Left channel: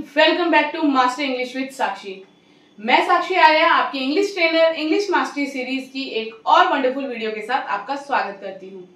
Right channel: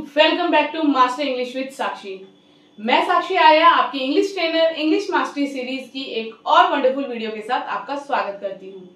Welcome back to master English with Sakshi. मैं साक्षी आर्या आपकी English trainer English mastery series की एक और वंडरफुल वीडियो के साथ आपका स्वागत करती हूँ।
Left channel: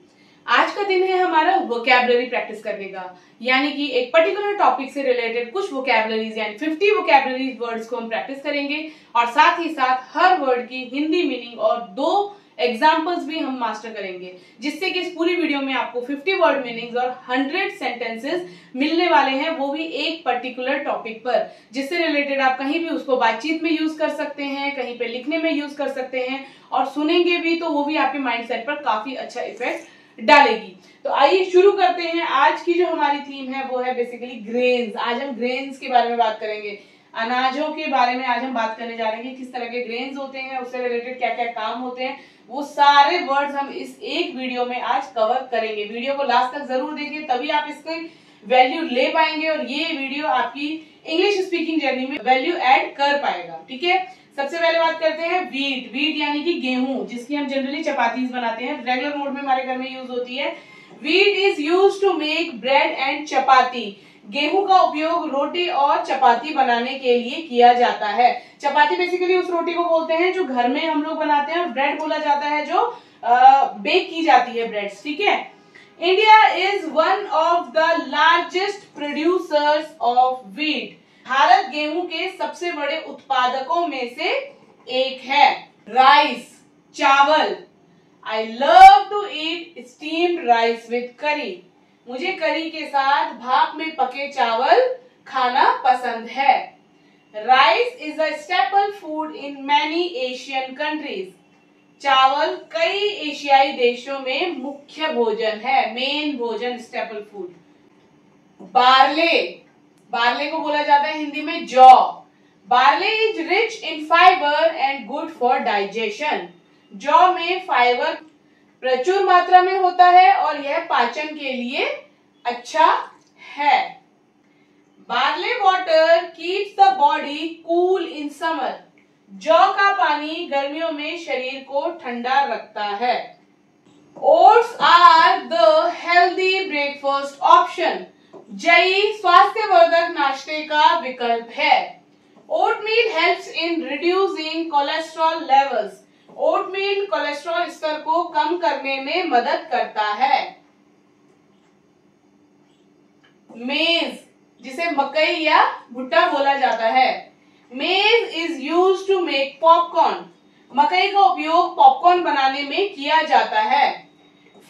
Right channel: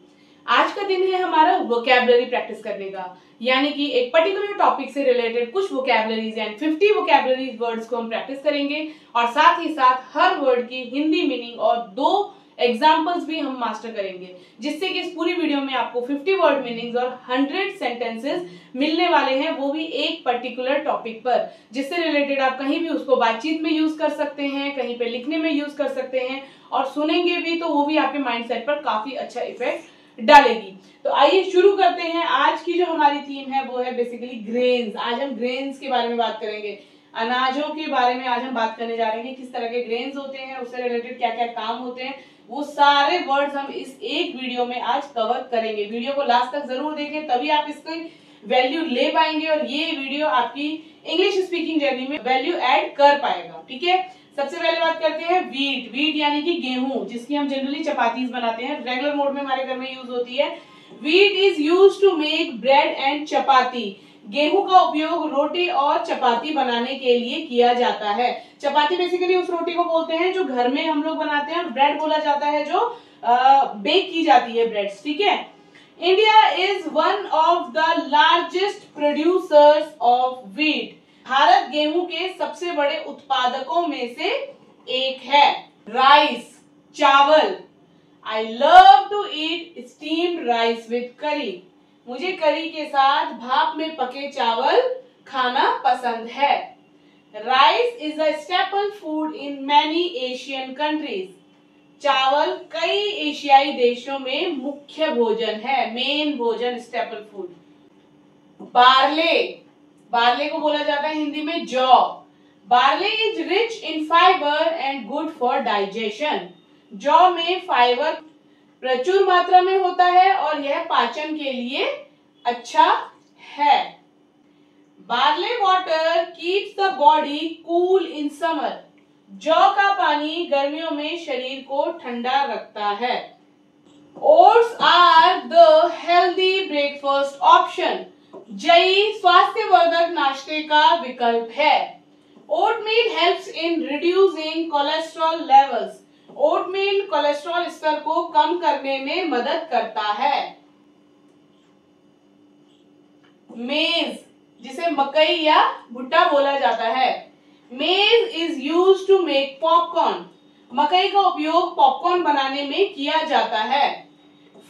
आज का दिन है हमारा वोकैबुलरी प्रैक्टिस करने का, यानी कि एक पर्टिकुलर टॉपिक से रिलेटेड कुछ वोकैबुलरीज यानी 50 वोकैबुलरी वर्ड्स को हम प्रैक्टिस करेंगे और साथ ही साथ हर वर्ड की हिंदी मीनिंग और 2 एग्जाम्पल्स भी हम मास्टर करेंगे, जिससे कि इस पूरी वीडियो में आपको 50 वर्ड मीनिंग्स और 100 सेंटेंसेस मिलने वाले हैं, वो भी एक पर्टिकुलर टॉपिक पर, जिससे रिलेटेड आप कहीं भी उसको बातचीत में यूज कर सकते हैं, कहीं पे लिखने में यूज कर सकते हैं और सुनेंगे भी तो वो भी आपके माइंडसेट पर काफी अच्छा इफेक्ट डालेगी। तो आइए शुरू करते हैं। आज की जो हमारी थीम है वो है बेसिकली ग्रेन्स। आज हम ग्रेन्स के बारे में बात करेंगे, अनाजों के बारे में आज हम बात करने जा रहे हैं, किस तरह के ग्रेन्स होते हैं, उससे रिलेटेड क्या क्या काम होते हैं, वो सारे वर्ड्स हम इस एक वीडियो में आज कवर करेंगे। वीडियो को लास्ट तक जरूर देखें, तभी आप इसके वैल्यू ले पाएंगे और ये वीडियो आपकी इंग्लिश स्पीकिंग जर्नी में वैल्यू ऐड कर पाएगा। ठीक है, सबसे पहले बात करते हैं वीट। वीट यानी कि गेहूं, जिसकी हम जनरली चपातीज बनाते हैं, रेगुलर मोड में हमारे घर में यूज होती है। Wheat is use to make bread and chapati. गेहूं का उपयोग रोटी और चपाती बनाने के लिए किया जाता है। चपाती बेसिकली उस रोटी को बोलते हैं जो घर में हम लोग बनाते हैं, और ब्रेड बोला जाता है जो बेक की जाती है ब्रेड्स। ठीक है, India is one of the largest producers of wheat. Bharat गेहूं के सबसे बड़े उत्पादकों में से एक है। राइस, चावल। I love to eat steamed rice with curry. मुझे करी के साथ भाप में पके चावल खाना पसंद है। Rice is a staple food in many Asian countries. चावल कई एशियाई देशों में मुख्य भोजन है, मेन भोजन, स्टेपल फूड। बार्ले, बार्ले को बोला जाता है हिंदी में जौ। Barley is rich in fibre and good for digestion. जौ में फाइबर प्रचुर मात्रा में होता है और यह पाचन के लिए अच्छा है। Barley water keeps the body cool in summer. जौ का पानी गर्मियों में शरीर को ठंडा रखता है। Oats are the healthy breakfast option. जई स्वास्थ्यवर्धक नाश्ते का विकल्प है। Oatmeal helps in reducing cholesterol levels. Oatmeal cholesterol स्तर को कम करने में मदद करता है। मेज, जिसे मकई या भुट्टा बोला जाता है, maize is used to make popcorn. मकई का उपयोग पॉपकॉर्न बनाने में किया जाता है।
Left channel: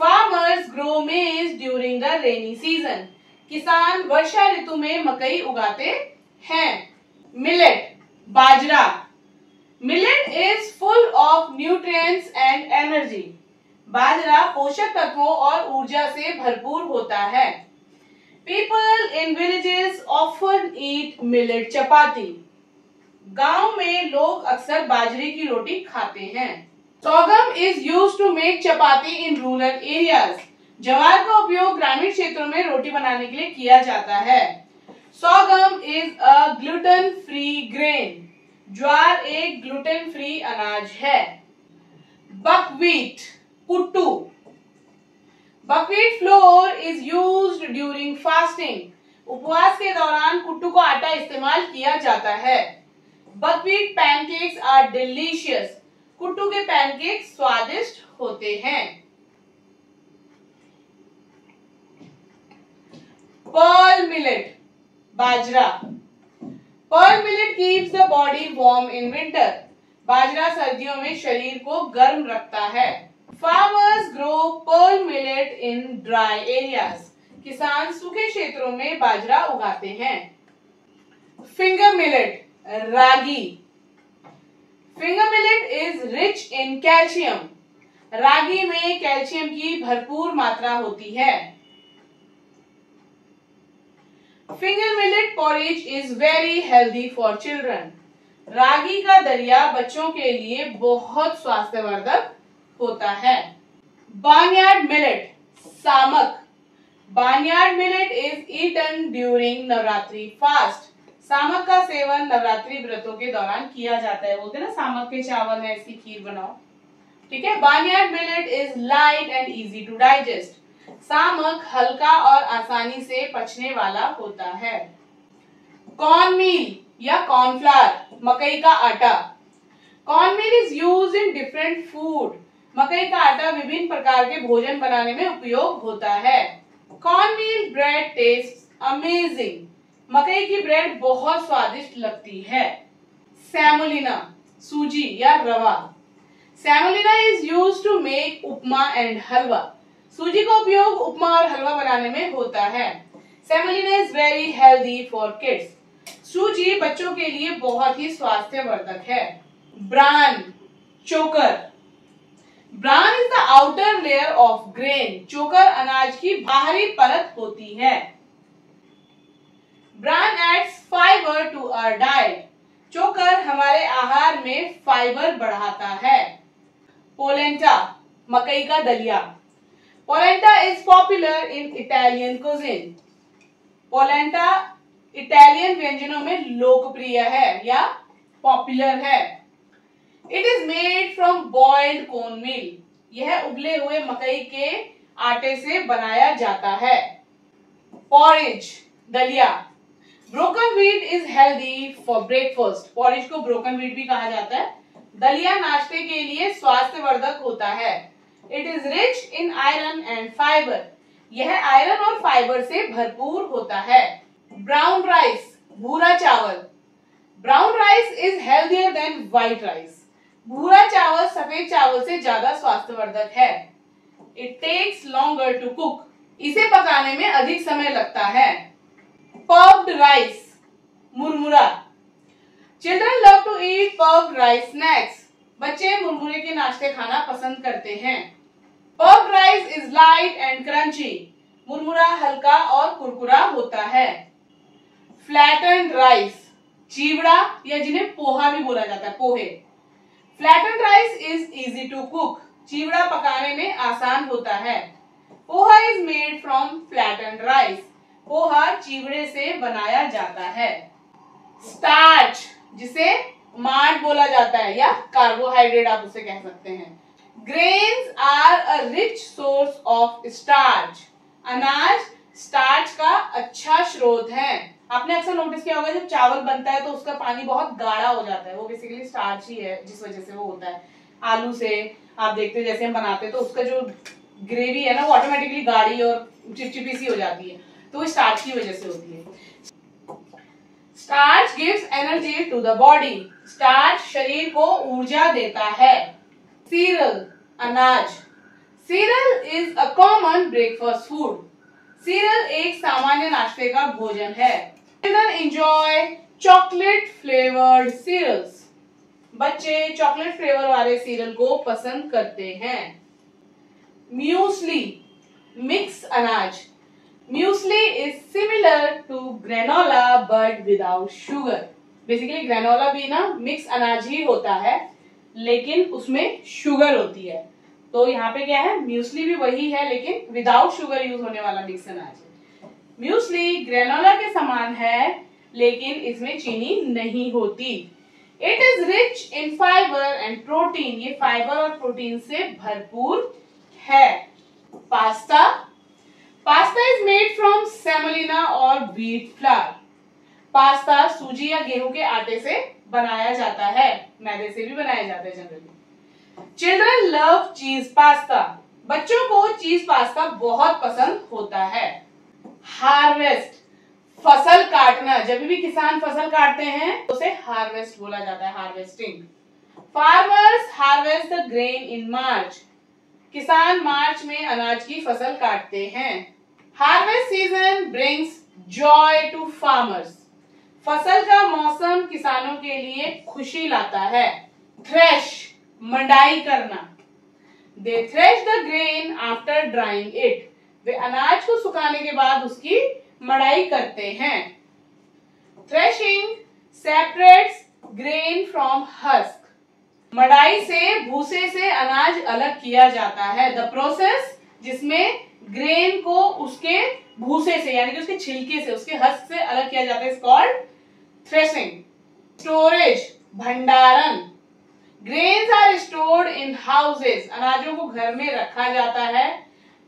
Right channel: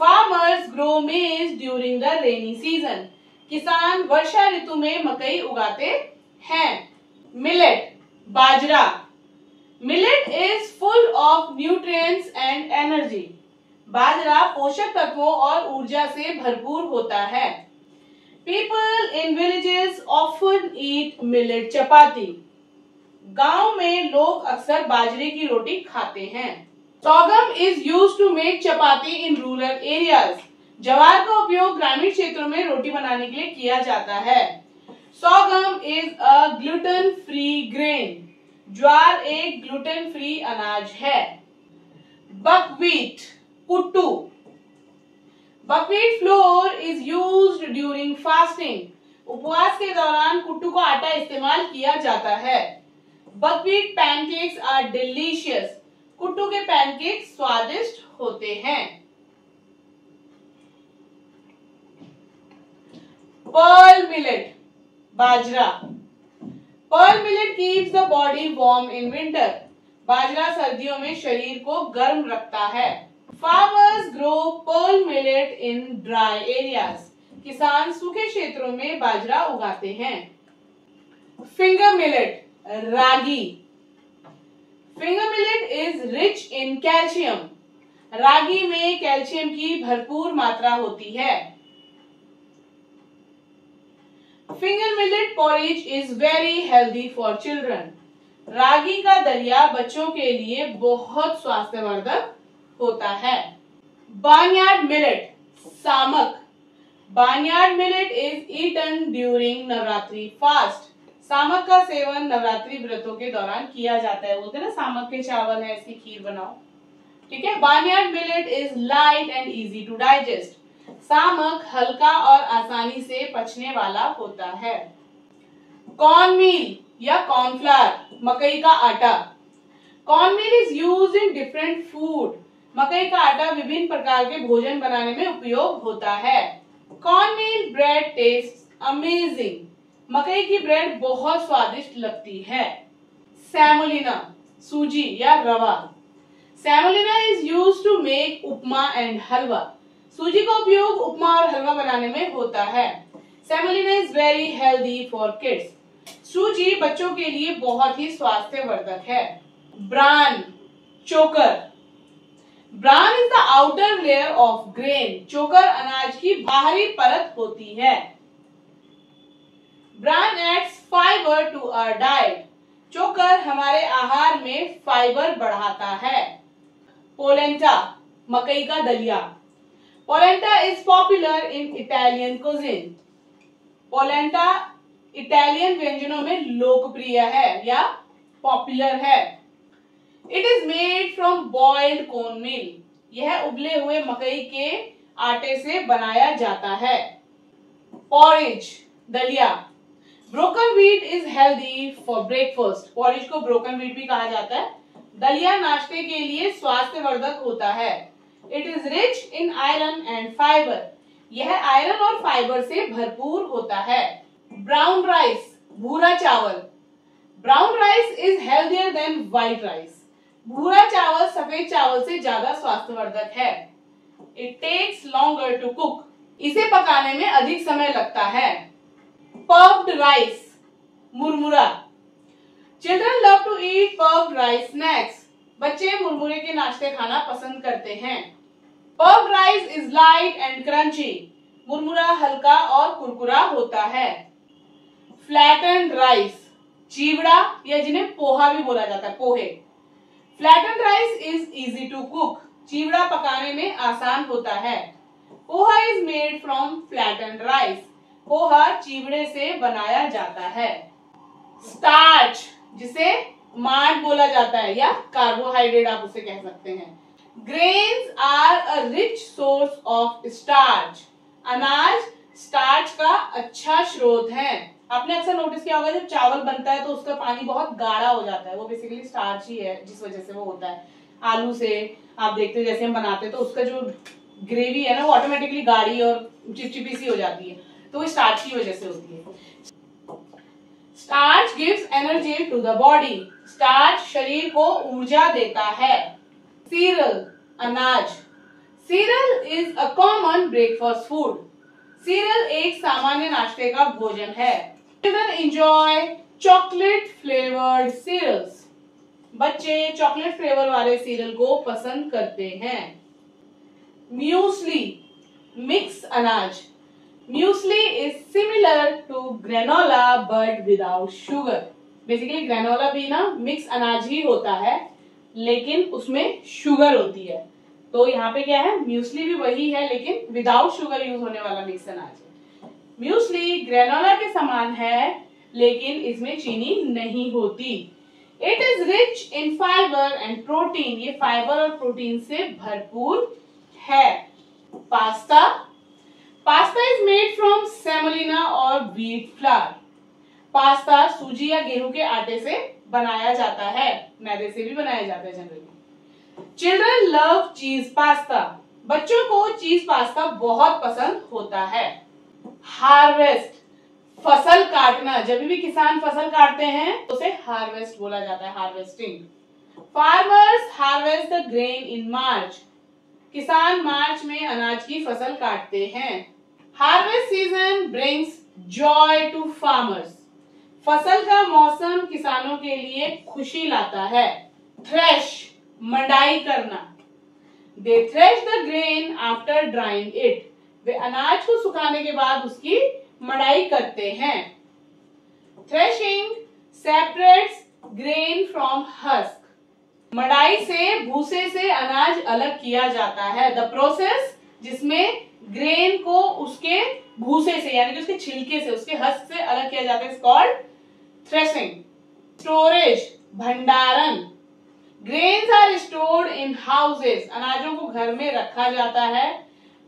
Farmers grow maize during the rainy season. किसान वर्षा ऋतु में मकई उगाते हैं। मिलेट, बाजरा। Millet is full of nutrients and energy. बाजरा पोषक तत्वों और ऊर्जा से भरपूर होता है। People in villages often eat millet chapati. गांव में लोग अक्सर बाजरे की रोटी खाते हैं। Sorghum is used to make chapati in rural areas. ज्वार का उपयोग ग्रामीण क्षेत्रों में रोटी बनाने के लिए किया जाता है। Sorghum is a gluten free grain. ज्वार एक ग्लूटेन फ्री अनाज है। बकव्हीट, कुट्टू। Buckwheat flour is used during fasting. उपवास के दौरान कुट्टू का आटा इस्तेमाल किया जाता है। Buckwheat pancakes are delicious. कुट्टू के पैनकेक्स स्वादिष्ट होते हैं। पर्ल मिलेट, बाजरा। Pearl millet keeps the body warm in winter. बाजरा सर्दियों में शरीर को गर्म रखता है। Farmers grow pearl millet in dry areas. किसान सूखे क्षेत्रों में बाजरा उगाते हैं। फिंगर मिलेट, रागी। Finger millet is rich in calcium. रागी में कैल्शियम की भरपूर मात्रा होती है। Finger millet porridge is very healthy for children. रागी का दलिया बच्चों के लिए बहुत स्वास्थ्यवर्धक होता है। बार्नयार्ड मिलेट, सामक। Barnyard millet is eaten during Navratri fast. सामक का सेवन नवरात्रि व्रतों के दौरान किया जाता है। बोलते हैं ना सामक के चावल है, इसकी खीर बनाओ। ठीक है, barnyard millet is light and easy to digest. सामक हल्का और आसानी से पचने वाला होता है। कॉर्न मील या कॉर्नफ्लावर, मकई का आटा। Corn meal is used in different food. मकई का आटा विभिन्न प्रकार के भोजन बनाने में उपयोग होता है। कॉर्न मील ब्रेड टेस्ट अमेजिंग। मकई की ब्रेड बहुत स्वादिष्ट लगती है। सेमोलिना, सूजी या रवा। Semolina is used to make upma and halwa. सूजी का उपयोग उपमा और हलवा बनाने में होता है। Semolina is very healthy for kids. सूजी बच्चों के लिए बहुत ही स्वास्थ्यवर्धक है। ब्रान, चोकर। Bran is the outer layer of grain. चोकर अनाज की बाहरी परत होती है। Bran adds fibre to our diet. चोकर हमारे आहार में फाइबर बढ़ाता है। पोलेंटा, मकई का दलिया। Polenta is popular in Italian cuisine. Polenta Italian व्यंजनों में लोकप्रिय है या पॉपुलर है। It is made from boiled corn meal. यह उबले हुए मकई के आटे से बनाया जाता है। पॉरेज, दलिया। Broken wheat is healthy for breakfast. Porridge को ब्रोकन व्हीट भी कहा जाता है। दलिया नाश्ते के लिए स्वास्थ्यवर्धक होता है। It is rich in iron and fibre. यह आयरन और फाइबर से भरपूर होता है। ब्राउन राइस, भूरा चावल। Brown rice is healthier than white rice. भूरा चावल सफेद चावल से ज्यादा स्वास्थ्यवर्धक है। It takes longer to cook. इसे पकाने में अधिक समय लगता है। पफ्ड राइस, मुरमुरा। Children love to eat puffed rice snacks. बच्चे मुरमुरे के नाश्ते खाना पसंद करते हैं। Puffed rice is light and crunchy. मुरमुरा हल्का और कुरकुरा होता है। फ्लैटेंड राइस, चिवड़ा या जिन्हें पोहा भी बोला जाता है, पोहे। Flattened rice is easy to cook. चिवड़ा पकाने में आसान होता है। Poha is made from flattened rice. पोहा चिवड़े से बनाया जाता है। स्टार्च, जिसे मार्ट बोला जाता है या कार्बोहाइड्रेट आप उसे कह सकते हैं। Grains are a rich source of starch. अनाज स्टार्च का अच्छा स्रोत है। आपने अक्सर नोटिस किया होगा जब चावल बनता है तो उसका पानी बहुत गाढ़ा हो जाता है, वो बेसिकली स्टार्च ही है जिस वजह से वो होता है। आलू से आप देखते हैं जैसे हम बनाते हैं तो उसका जो ग्रेवी है ना वो ऑटोमेटिकली गाढ़ी और चिपचिपी सी हो जाती है, तो वो स्टार्च की वजह से होती है। Starch gives energy to the body. Starch शरीर को ऊर्जा देता है। सीरियल, अनाज। Cereal is a common breakfast food. Cereal एक सामान्य नाश्ते का भोजन है। Children enjoy chocolate flavoured cereals. बच्चे चॉकलेट फ्लेवर वाले सीरियल को पसंद करते हैं। म्यूसली, मिक्स अनाज। Muesli is similar to granola but without sugar. Basically granola भी ना मिक्स अनाज ही होता है लेकिन उसमें शुगर होती है, तो यहाँ पे क्या है, म्यूसली भी वही है लेकिन विदाउट शुगर यूज होने वाला मिक्स अनाज है। म्यूसली ग्रेनोला के समान है लेकिन इसमें चीनी नहीं होती। It is rich in fibre and protein. ये फाइबर और प्रोटीन से भरपूर है। Pasta, pasta is made from semolina और व्हीट फ्लावर। पास्ता सूजी या गेहूं के आटे से बनाया जाता है, मैदे से भी बनाया जाता है जनरली। चिल्ड्रन लव चीज पास्ता। बच्चों को चीज पास्ता बहुत पसंद होता है। हार्वेस्ट, फसल काटना। जब भी किसान फसल काटते हैं तो उसे हार्वेस्ट बोला जाता है, harvesting. Farmers harvest the grain in March. किसान मार्च में अनाज की फसल काटते हैं। Harvest season brings joy to farmers. फसल का मौसम किसानों के लिए खुशी लाता है। थ्रेश, मंडाई करना। They thresh the grain after drying it. वे अनाज को सुखाने के बाद उसकी मड़ाई करते हैं। Threshing separates grain from husk. मड़ाई से भूसे से अनाज अलग किया जाता है। द प्रोसेस जिसमें ग्रेन को उसके भूसे से यानी कि उसके छिलके से, उसके हस्क से अलग किया जाता है, इज कॉल्ड थ्रेशिंग। स्टोरेज, भंडारण। Grains are stored in houses. अनाजों को घर में रखा जाता है।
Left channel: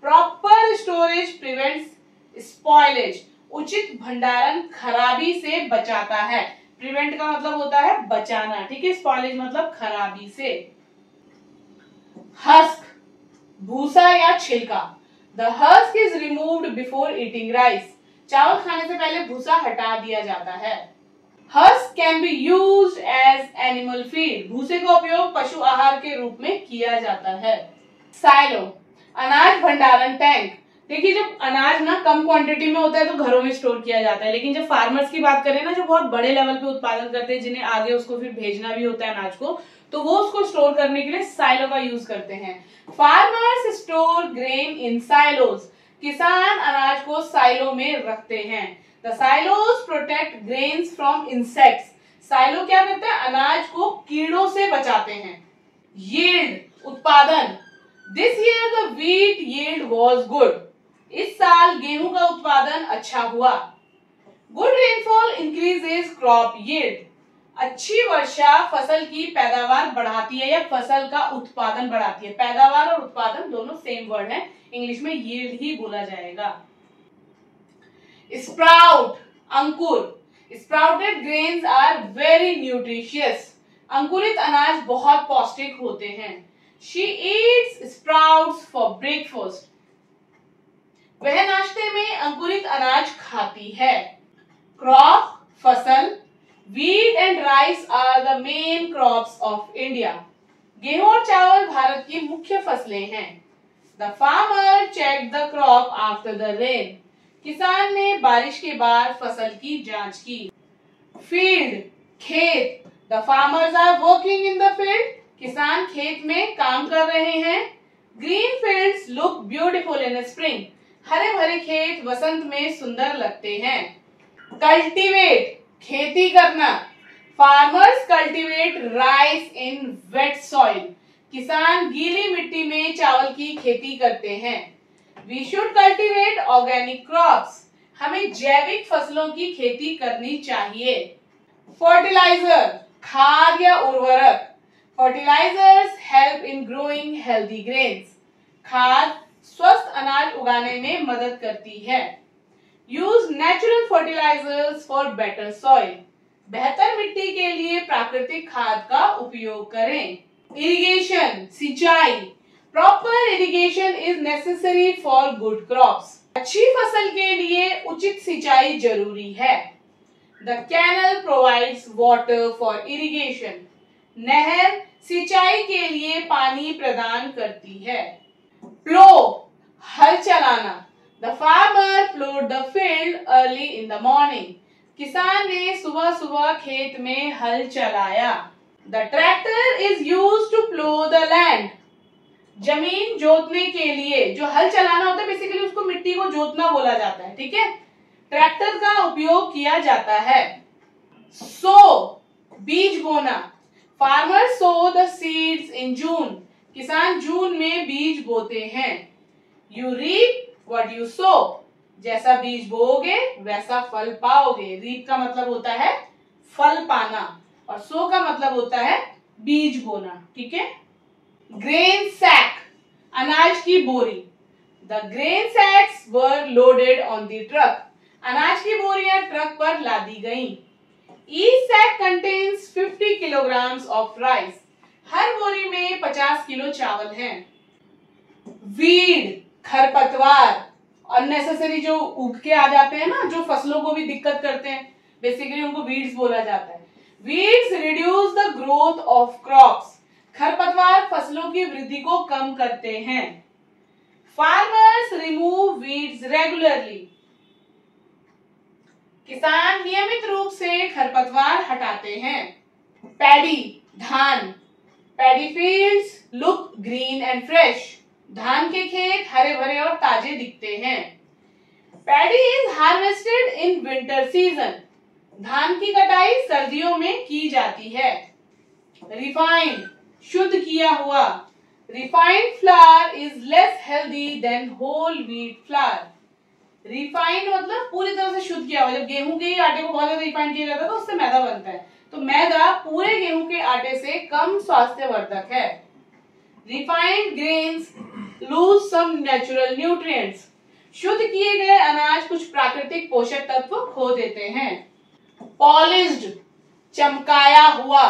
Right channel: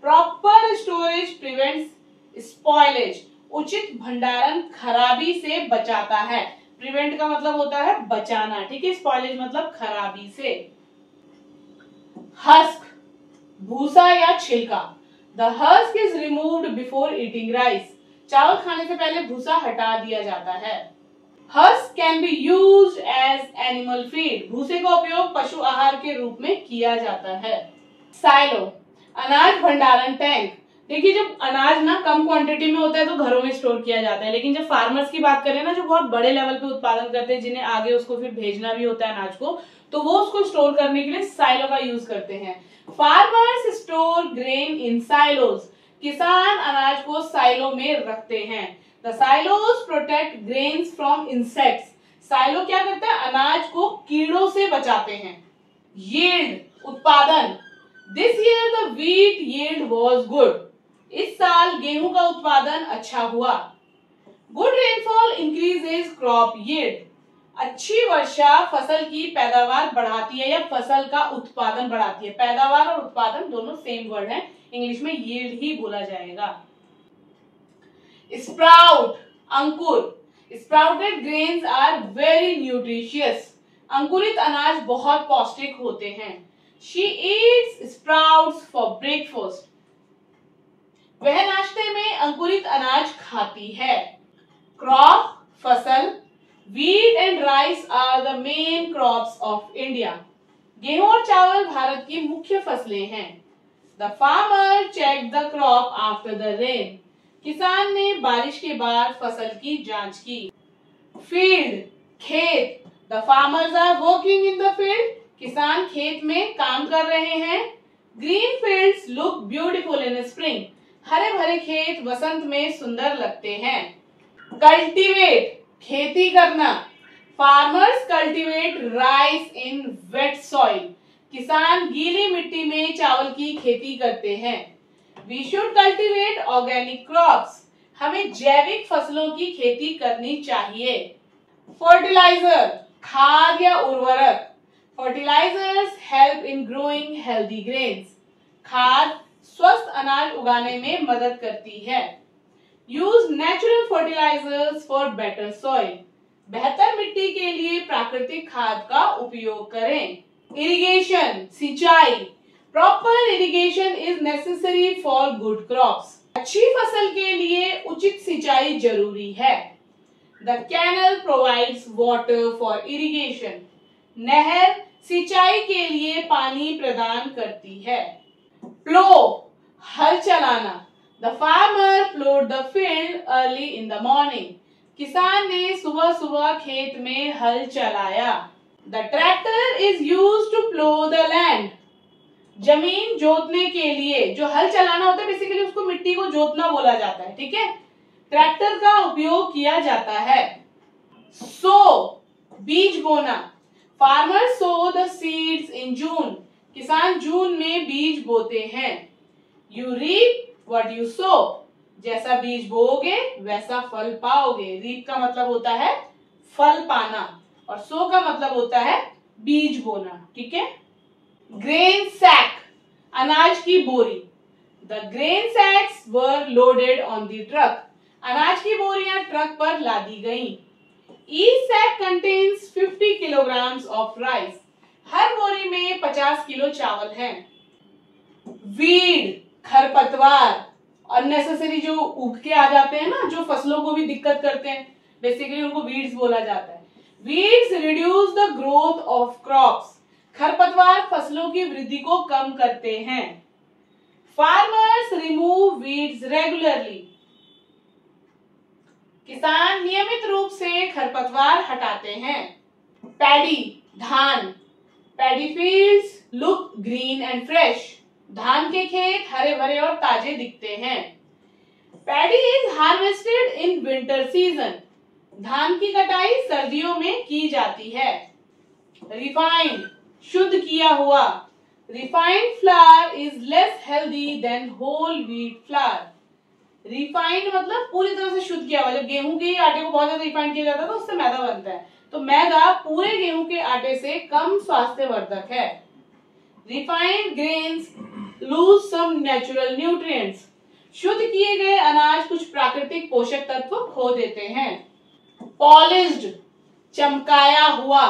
Proper storage prevents spoilage. उचित भंडारण खराबी से बचाता है। प्रिवेंट का मतलब होता है बचाना, ठीक है। स्पॉइलेज मतलब खराबी से। हस्क, भूसा या छिलका। The husk is removed before eating rice. चावल खाने से पहले भूसा हटा दिया जाता है। Husk can be used as animal feed. भूसे का उपयोग पशु आहार के रूप में किया जाता है। साइलो, अनाज भंडारण टैंक। देखिए, जब अनाज ना कम क्वांटिटी में होता है तो घरों में स्टोर किया जाता है, लेकिन जब फार्मर्स की बात करें ना, जो बहुत बड़े लेवल पे उत्पादन करते हैं, जिन्हें आगे उसको फिर भेजना भी होता है अनाज को, तो वो उसको स्टोर करने के लिए साइलो का यूज करते हैं। Farmers store grain in silos. किसान अनाज को साइलो में रखते हैं। The silos protect grains from insects. Silo क्या करते हैं? अनाज को कीड़ों से बचाते हैं। यील्ड, उत्पादन। This year the wheat yield was good. इस साल गेहूं का उत्पादन अच्छा हुआ। Good rainfall increases crop yield. अच्छी वर्षा फसल की पैदावार बढ़ाती है या फसल का उत्पादन बढ़ाती है। पैदावार और उत्पादन दोनों सेम वर्ड है, इंग्लिश में यील्ड ही बोला जाएगा। स्प्राउट, अंकुर। Sprouted grains are very nutritious. अंकुरित अनाज बहुत पौष्टिक होते हैं। She eats sprouts for breakfast. वह नाश्ते में अंकुरित अनाज खाती है। क्रॉप, फसल। Wheat and rice are the main crops of India. गेहूं और चावल भारत की मुख्य फसलें हैं। The farmer check the crop after the rain. किसान ने बारिश के बाद फसल की जांच की। फील्ड, खेत। The farmers are working in the field. किसान खेत में काम कर रहे हैं। Green fields look beautiful in spring. हरे भरे खेत वसंत में सुंदर लगते हैं। कल्टीवेट, खेती करना। Farmers cultivate rice in wet soil. किसान गीली मिट्टी में चावल की खेती करते हैं। We should cultivate organic crops. हमें जैविक फसलों की खेती करनी चाहिए। फर्टिलाइजर, खाद या उर्वरक। Fertilisers help in growing healthy grains. खाद स्वस्थ अनाज उगाने में मदद करती है। Use natural fertilisers for better soil. बेहतर मिट्टी के लिए प्राकृतिक खाद का उपयोग करें। इरिगेशन, सिंचाई। Proper irrigation is necessary for good crops. अच्छी फसल के लिए उचित सिंचाई जरूरी है। The canal provides water for irrigation. नहर सिंचाई के लिए पानी प्रदान करती है। प्लो, हल चलाना। The farmer ploughed the field early in the morning. किसान ने सुबह सुबह खेत में हल चलाया। The tractor is used to plough the land. जमीन जोतने के लिए, जो हल चलाना होता है बेसिकली उसको मिट्टी को जोतना बोला जाता है, ठीक है। ट्रैक्टर का उपयोग किया जाता है। सो, बीज बोना। Farmer sow the seeds in June. किसान जून में बीज बोते हैं। You reap what you sow. जैसा बीज बोओगे वैसा फल पाओगे। रीप का मतलब होता है फल पाना और सो का मतलब होता है बीज बोना, ठीक है। ग्रेन सैक, अनाज की बोरी। The grain sacks were loaded on the truck. अनाज की बोरियां ट्रक पर लादी गईं। Each sack contains 50 kilograms of rice. हर बोरी में 50 किलो चावल हैं। वीड, खरपतवार, अननेसेसरी जो उग के आ जाते हैं ना, जो फसलों को भी दिक्कत करते हैं, बेसिकली उनको वीड्स बोला जाता है। Weeds reduce the growth of crops. खरपतवार फसलों की वृद्धि को कम करते हैं। Farmers remove weeds regularly. किसान नियमित रूप से खरपतवार हटाते हैं। पैडी, धान। Paddy fields look green and fresh. धान के खेत हरे भरे और ताजे दिखते हैं। Paddy is harvested in winter season. धान की कटाई सर्दियों में की जाती है। रिफाइंड, शुद्ध किया हुआ। Refined flour is less healthy than whole wheat flour. Refined मतलब पूरी तरह से शुद्ध किया हुआ। जब गेहूं के आटे को बहुत ज्यादा रिफाइंड किया जाता है तो उससे मैदा बनता है, तो मैदा पूरे गेहूं के आटे से कम स्वास्थ्यवर्धक है। Refined grains lose some natural nutrients. शुद्ध किए गए अनाज कुछ प्राकृतिक पोषक तत्व खो देते हैं। पॉलिश्ड, चमकाया हुआ।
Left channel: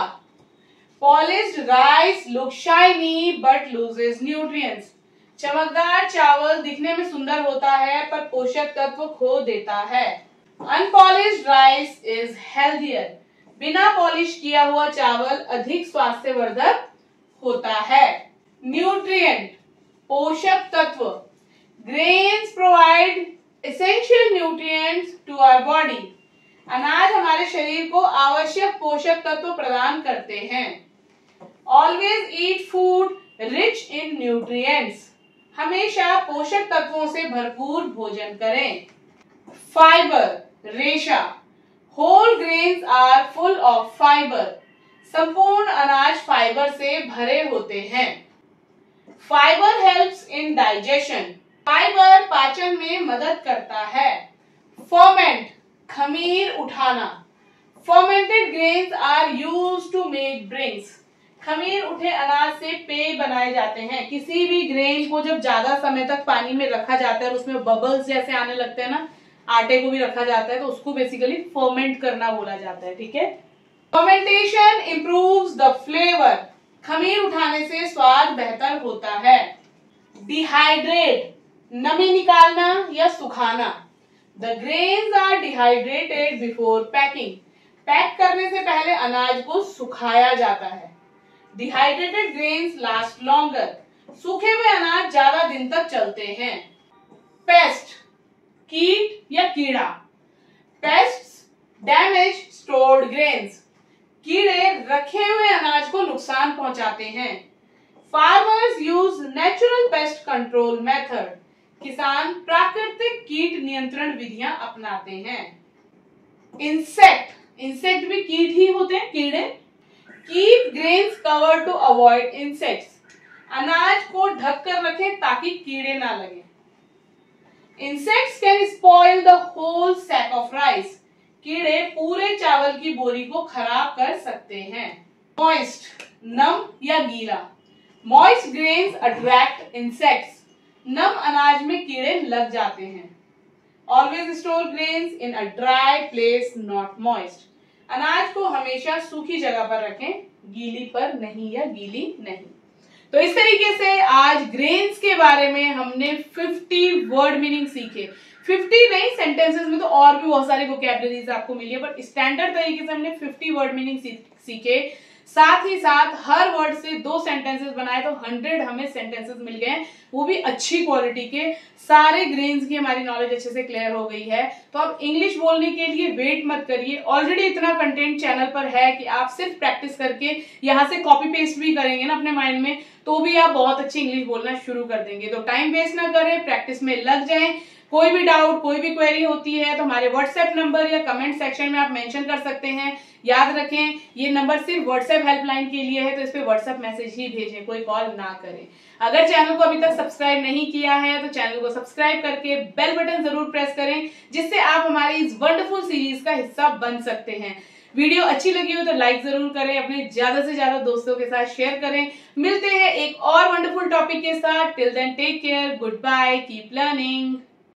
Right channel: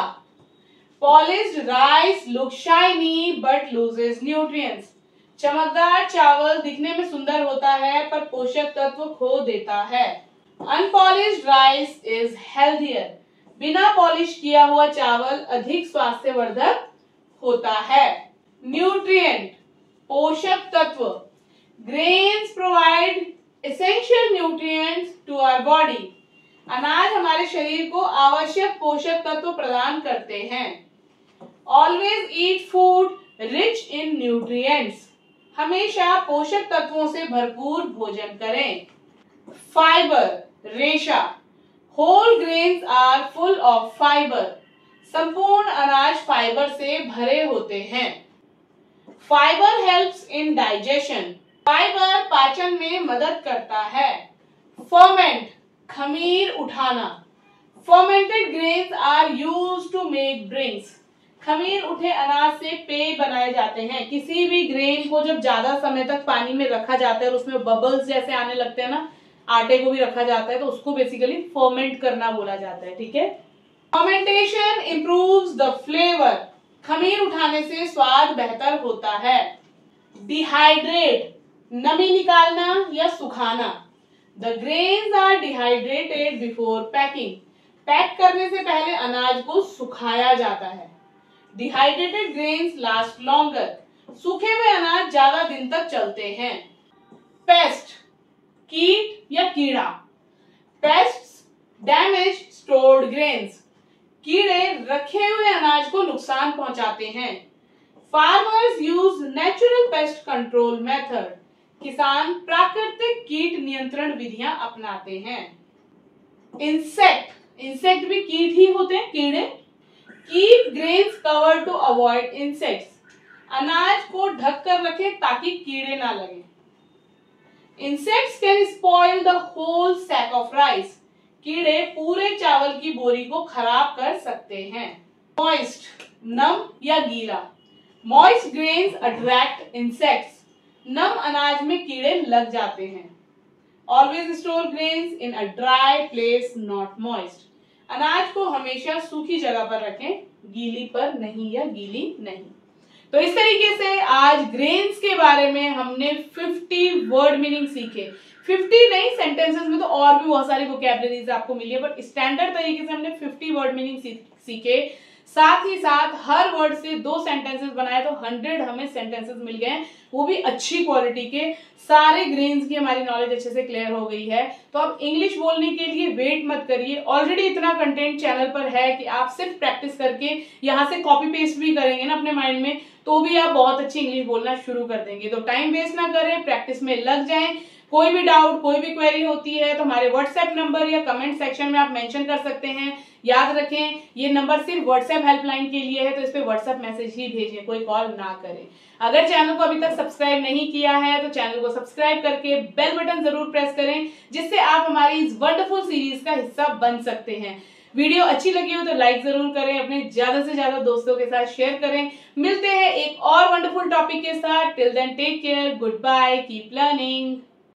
Polished rice look shiny but loses nutrients. चमकदार चावल दिखने में सुंदर होता है पर पोषक तत्व खो देता है। Unpolished rice is healthier. बिना पॉलिश किया हुआ चावल अधिक स्वास्थ्यवर्धक होता है। न्यूट्रिएंट, पोषक तत्व। Grains provide essential nutrients to our body. अनाज हमारे शरीर को आवश्यक पोषक तत्व प्रदान करते हैं। Always eat food rich in nutrients. हमेशा पोषक तत्वों से भरपूर भोजन करें। फाइबर, रेशा। Whole grains are full of fibre. संपूर्ण अनाज फाइबर से भरे होते हैं। Fibre helps in digestion. Fibre पाचन में मदद करता है। फर्मेंट, खमीर उठाना। Fermented grains are used to make drinks. खमीर उठे अनाज से पेय बनाए जाते हैं। किसी भी ग्रेन को जब ज्यादा समय तक पानी में रखा जाता है और उसमें बबल्स जैसे आने लगते हैं ना, आटे को भी रखा जाता है तो उसको बेसिकली फर्मेंट करना बोला जाता है। ठीक है। Fermentation improves the flavour. खमीर उठाने से स्वाद बेहतर होता है। डिहाइड्रेट, नमी निकालना या सुखाना। The grains are dehydrated before packing. Pack करने से पहले अनाज को सुखाया जाता है। Dehydrated grains last longer. सूखे हुए अनाज ज्यादा दिन तक चलते हैं। पेस्ट, कीट या कीड़ा। Pests damage stored grains. कीड़े रखे हुए अनाज को नुकसान पहुंचाते हैं। Farmers use natural pest control method. किसान प्राकृतिक कीट नियंत्रण विधियां अपनाते हैं। इंसेक्ट, इंसेक्ट भी कीट ही होते हैं, कीड़े। Keep grains cover to avoid insects. अनाज को ढक कर रखें ताकि कीड़े ना लगे। Insects can spoil the whole sack of rice. कीड़े पूरे चावल की बोरी को खराब कर सकते हैं। मॉइस्ट, नम या गीला। Moist grains attract insects. नम अनाज में कीड़े लग जाते हैं। Always store grains in a dry place not moist. अनाज को हमेशा सूखी जगह पर रखें, गीली पर नहीं या गीली नहीं। तो इस तरीके से आज ग्रेन्स के बारे में हमने 50 वर्ड मीनिंग सीखे। 50 नहीं, सेंटेंसेस में तो और भी बहुत सारी वोकैबुलरीज आपको मिली है, बट स्टैंडर्ड तरीके से हमने 50 वर्ड मीनिंग सीखे। साथ ही साथ हर वर्ड से 2 सेंटेंसेस बनाए तो 100 हमें सेंटेंसेस मिल गए, वो भी अच्छी क्वालिटी के। सारे ग्रेन्स की हमारी नॉलेज अच्छे से क्लियर हो गई है। तो अब इंग्लिश बोलने के लिए वेट मत करिए। ऑलरेडी इतना कंटेंट चैनल पर है कि आप सिर्फ प्रैक्टिस करके यहाँ से कॉपी पेस्ट भी करेंगे ना अपने माइंड में, तो भी आप बहुत अच्छी इंग्लिश बोलना शुरू कर देंगे। तो टाइम वेस्ट ना करें, प्रैक्टिस में लग जाएं। कोई भी डाउट, कोई भी क्वेरी होती है तो हमारे व्हाट्सएप नंबर या कमेंट सेक्शन में आप मेंशन कर सकते हैं। याद रखें, ये नंबर सिर्फ व्हाट्सएप हेल्पलाइन के लिए है, तो इस पे व्हाट्सएप मैसेज ही भेजें, कोई कॉल ना करें। अगर चैनल को अभी तक सब्सक्राइब नहीं किया है तो चैनल को सब्सक्राइब करके बेल बटन जरूर प्रेस करें, जिससे आप हमारी इस वंडरफुल सीरीज का हिस्सा बन सकते हैं। वीडियो अच्छी लगी हो तो लाइक जरूर करें, अपने ज्यादा से ज्यादा दोस्तों के साथ शेयर करें। मिलते हैं एक और वंडरफुल टॉपिक के साथ। Till then take care, goodbye, keep learning.